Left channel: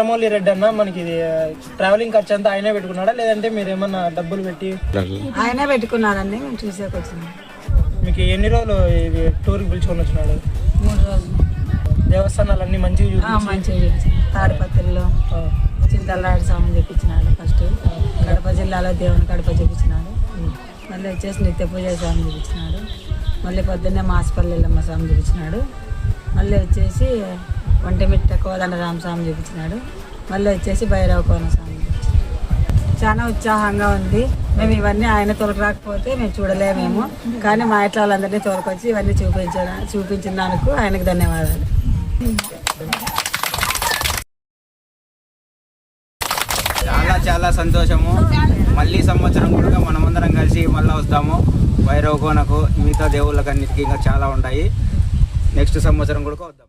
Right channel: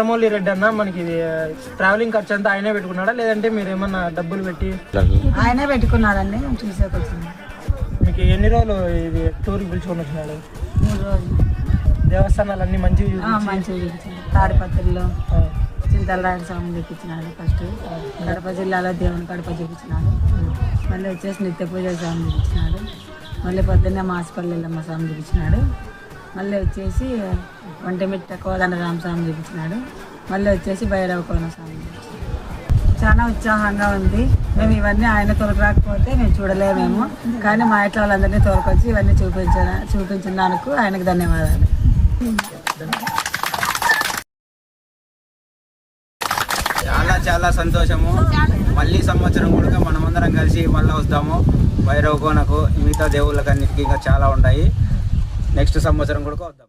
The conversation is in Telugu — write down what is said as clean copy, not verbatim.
రామోలి రెడ్డి అన్న మనకి ట్రావెలింగ్ ఖర్చు అంతా ఆయనే పెట్టుకున్నాడా లేదంటే మీరు ఏమన్నా డబ్బులు పెట్టి? ఆయనే పెట్టుకున్నాడండి, మేము చూసేకొచ్చినాం. మీకు ఎన్ని రోజులు ఇది టూర్కి పిలుచుకొని వచ్చినాడు? 3 రోజులు. దేవస్థానాలు అన్ని మంచిగా మంచిగా చూపించాడు. తాడిపత్రిలో చింతలరాయుడు స్వామి చూపించినాడు. ఫస్ట్ కడప జిల్లాలో దేవుని కడప చూపించినాడు. మళ్ళీ వచ్చేసి నిత్య పూజ స్వామి చూపించినాడు. మళ్ళీ పొద్దున్నే మాసిపల్లిలో స్వామి చూపించినాడు. మళ్ళీ వచ్చేసి ఒంటిమిట్ట కోదండరామ స్వామి చూపించినాడు. మళ్ళీ వచ్చేసి భైరవ కోన స్వామి చూపించినాడు. చాలా ఉత్సాహంగా ఉంది. మేము ఇవన్నీ ఆయన తొలగరాకపోతే మేము చూడలేమేమో, కానీ మా ఇంట్లో వాళ్ళందరినీ తోలుకొచ్చి ఇవన్నీ చూపించినందుకు ఆయనకు ధన్యవాదాలు. చాలా సంతోషము. మళ్ళీ సంవత్సరం కూడా మనమందరం కలిసి మళ్ళీ వస్తాము భైరవ కోనకు. మిగతా దేవుళ్ళకి అన్నిటికీ ఇంకా చాలా ఉంటాయి. నెక్స్ట్ సంవత్సరం కూడా వద్దాం.